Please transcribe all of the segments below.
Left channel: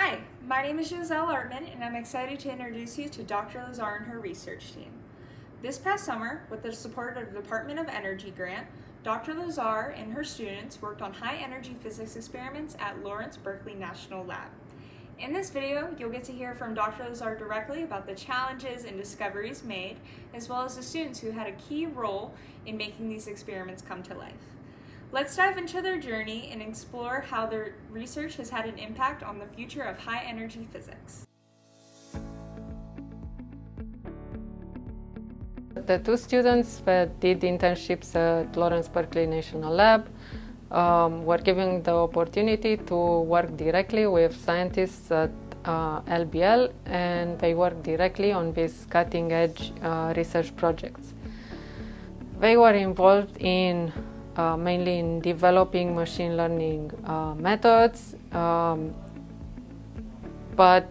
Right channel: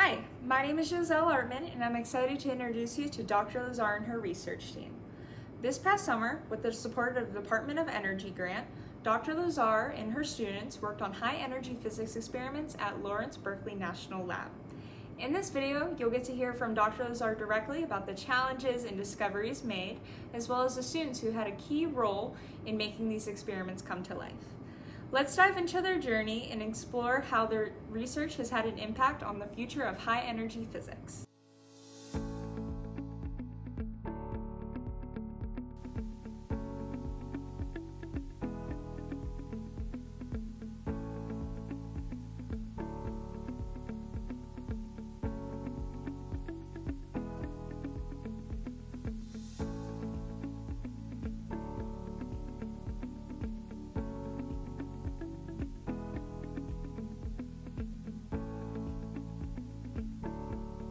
Hi, my name is Giselle Artman, and I'm excited to introduce you to Dr. Lazar and her research team. This past summer, with the support of the Department of Energy grant, Dr. Lazar and her students worked on high-energy physics experiments at Lawrence Berkeley National Lab. In this video, you'll get to hear from Dr. Lazar directly about the challenges and discoveries made, as well as the students who had a key role in making these experiments come to life. Let's dive into their journey and explore how their research has had an impact on the future of high-energy physics. The two students that did internships at Lawrence Berkeley National Lab were given the opportunity to work directly with scientists at LBL, and they worked directly on these cutting-edge research projects. They were involved in mainly in developing machine learning methods, but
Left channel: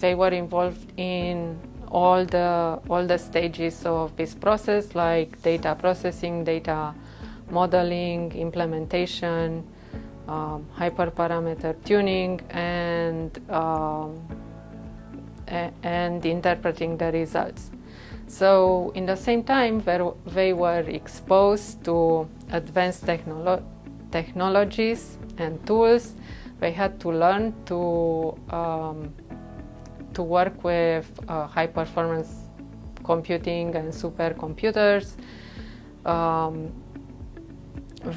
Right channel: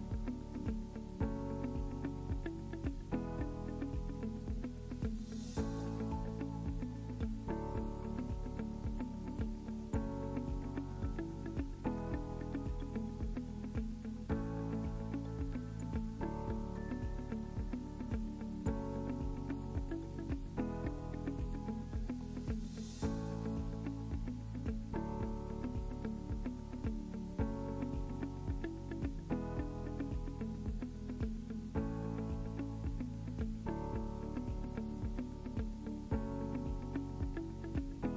they were involved in all the stages of this process, like data processing, data modeling, implementation, hyperparameter tuning, and interpreting the results. So in the same time, they were exposed to advanced technologies and tools. They had to learn to work with high-performance computing and supercomputers.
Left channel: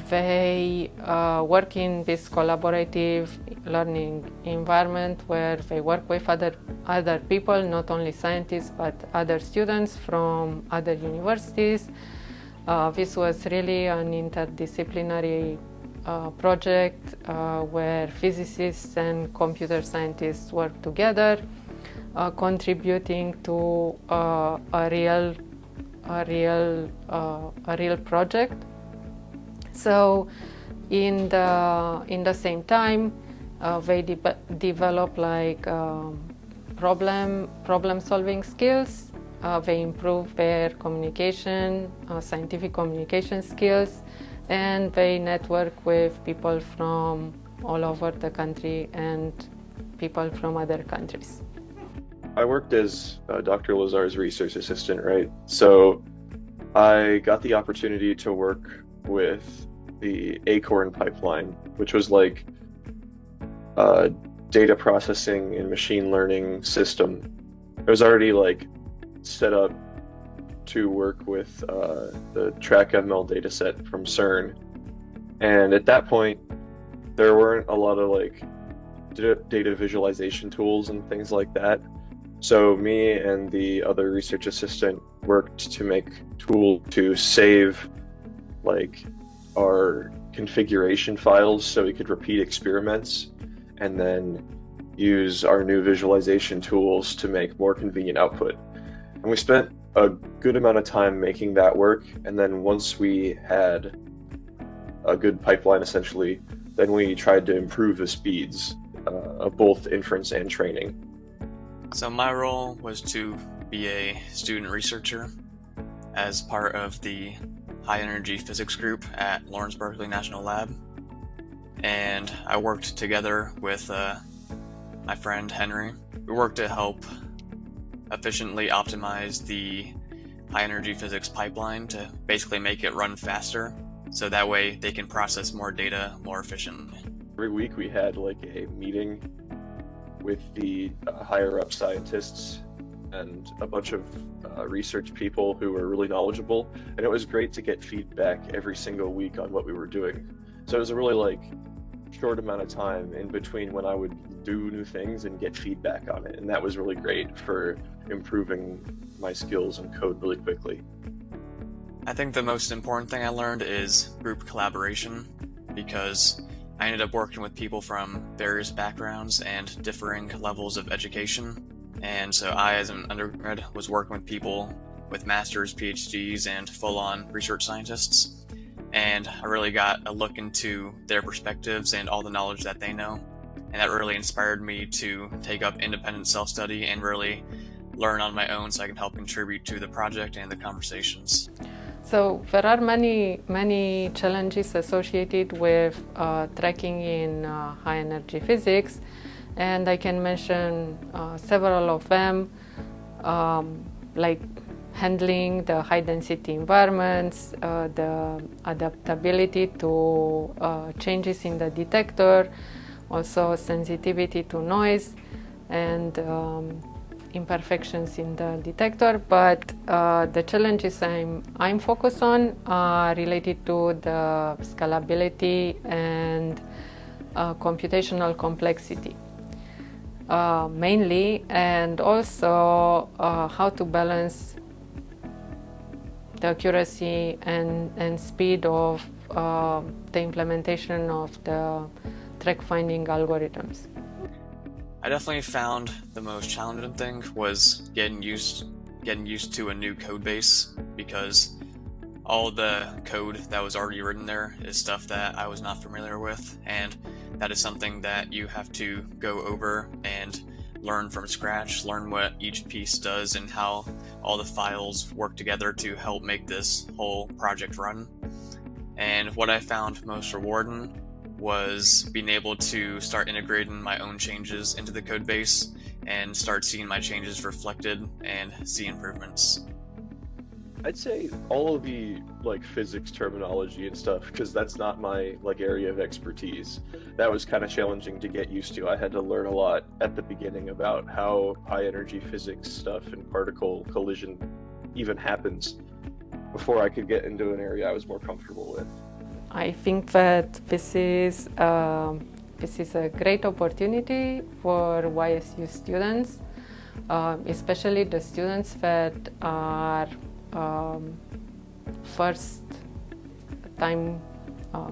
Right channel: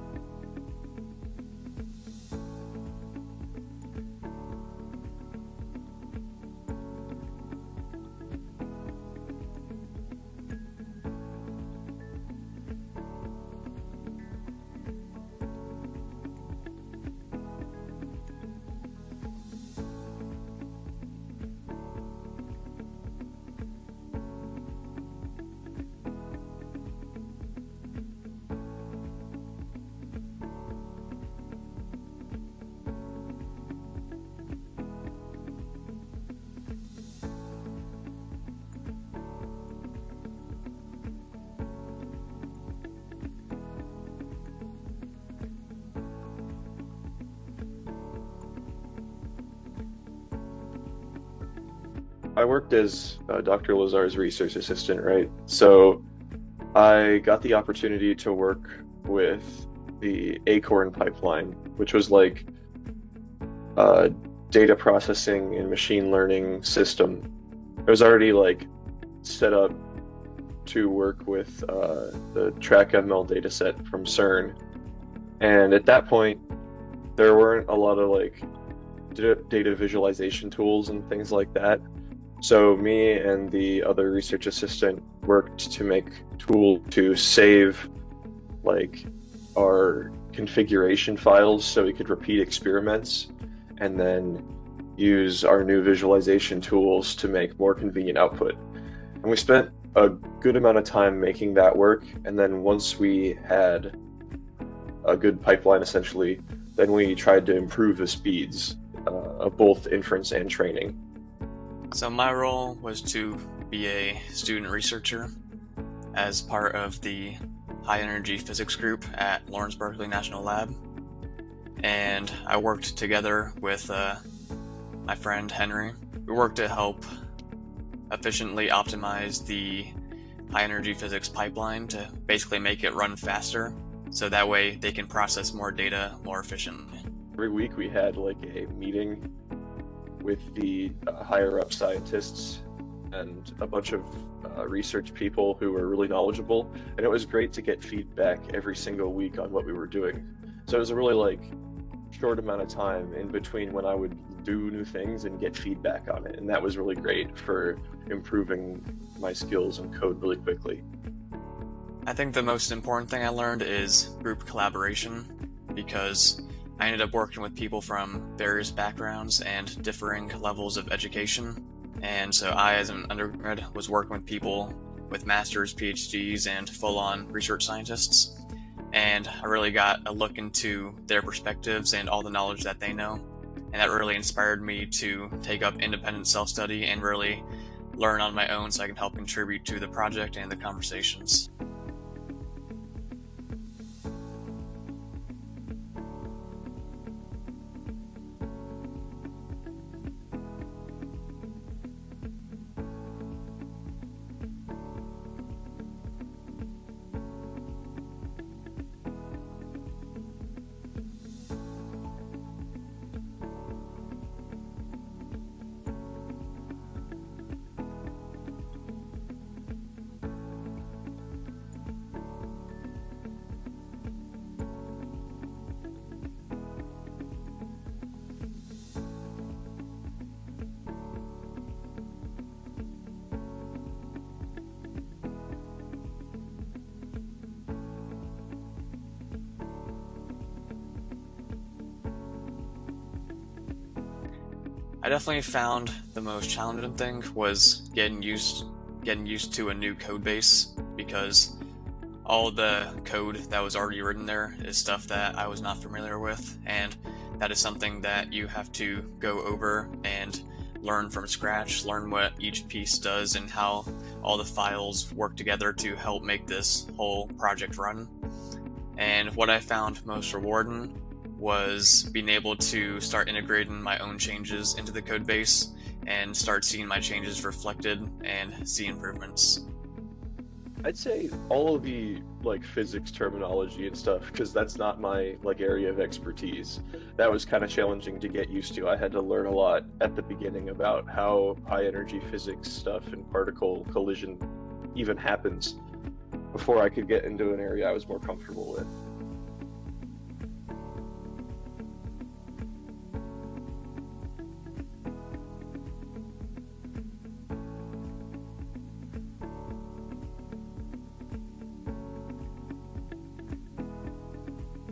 They work in this collaborative learning environment where they work with other people, not only scientists, but other students from other universities. This was really an interdisciplinary project where physicists and computer scientists work together, contributing to a real project. So, in the same time, they develop like problem-solving skills. They improve their communication, scientific communication skills, and they network with people from all over the country and people from other countries. I worked as Dr. Lazar's research assistant, right? So I got the opportunity to work with the Acorn pipeline, which was like a data processing and machine learning system. It was already like set up to work with the TrackML dataset from CERN. And at that point, there weren't a lot of like data visualization tools and things like that. So me and the other research assistant worked to make tools to save like our configuration files so we could repeat experiments, and then use our new visualization tools to make more convenient output. And we spent a good amount of time making that work, and then once we had a good pipeline essentially, then we tried to improve the speeds of both inference and training. So my role was to be a student researcher as part of the high energy physics group at Lawrence Berkeley National Lab, and I worked together with my friend Henry. We worked to help efficiently optimize the high energy physics pipeline to basically make it run faster, so that way they can process more data more efficiently. Every week we had like a meeting with the higher up scientists and a bunch of research people who were really knowledgeable, and it was great to get feedback every single week on what we were doing. So it was a really like short amount of time in between when I would do new things and get feedback on it, and that was really great for improving my skills and code really quickly. I think the most important thing I learned is group collaboration, because I ended up working with people from various backgrounds and differing levels of education. And so I, as an undergrad, was working with people with masters, PhDs, and full-on research scientists. And I really got a look into their perspectives and all the knowledge that they know. And that really inspired me to take up independent self-study and really learn on my own so I can help contribute to the project and the conversations. So there are many challenges associated with tracking in high energy physics, And I can mention several of them, like handling the high density environments, the adaptability to changes in the detector, also sensitivity to noise, and imperfections in the detector. But the challenges I'm focused on are related to the scalability and computational complexity. Mainly, and also how to balance the accuracy and speed of the implementation of the track finding algorithms. I definitely found the most challenging thing was getting used to a new code base, because all the code that was already written there is stuff that I was not familiar with, and that is something that you have to go over and learn from scratch, learn what each piece does and how all the files work together to help make this whole project run. And what I found most rewarding was being able to start integrating my own changes into the code base and start seeing my changes reflected and see improvements. I'd say all of the like physics terminology and stuff, because that's not my like area of expertise. That was kind of challenging to get used to. I had to learn a lot at the beginning about how high energy physics stuff and particle collision even happens before I could get into an area I was more comfortable with. I think that this is a great opportunity for YSU students, especially the students that are first time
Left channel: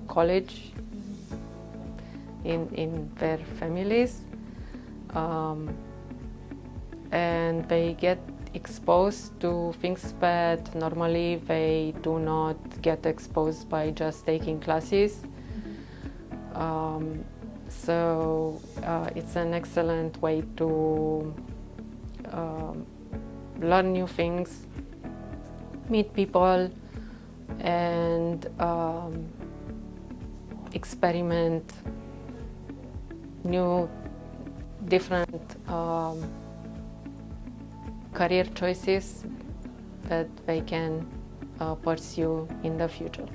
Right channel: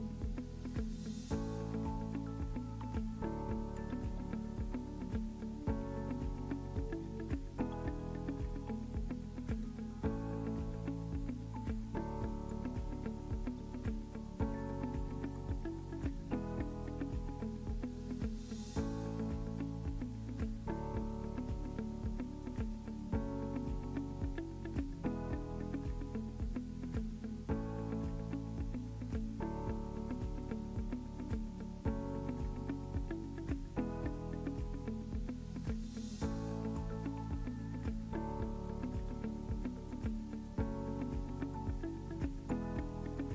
college in their families, and they get exposed to things that normally they do not get exposed by just taking classes. So it's an excellent way to learn new things, meet people, and experiment new different career choices that they can pursue in the future.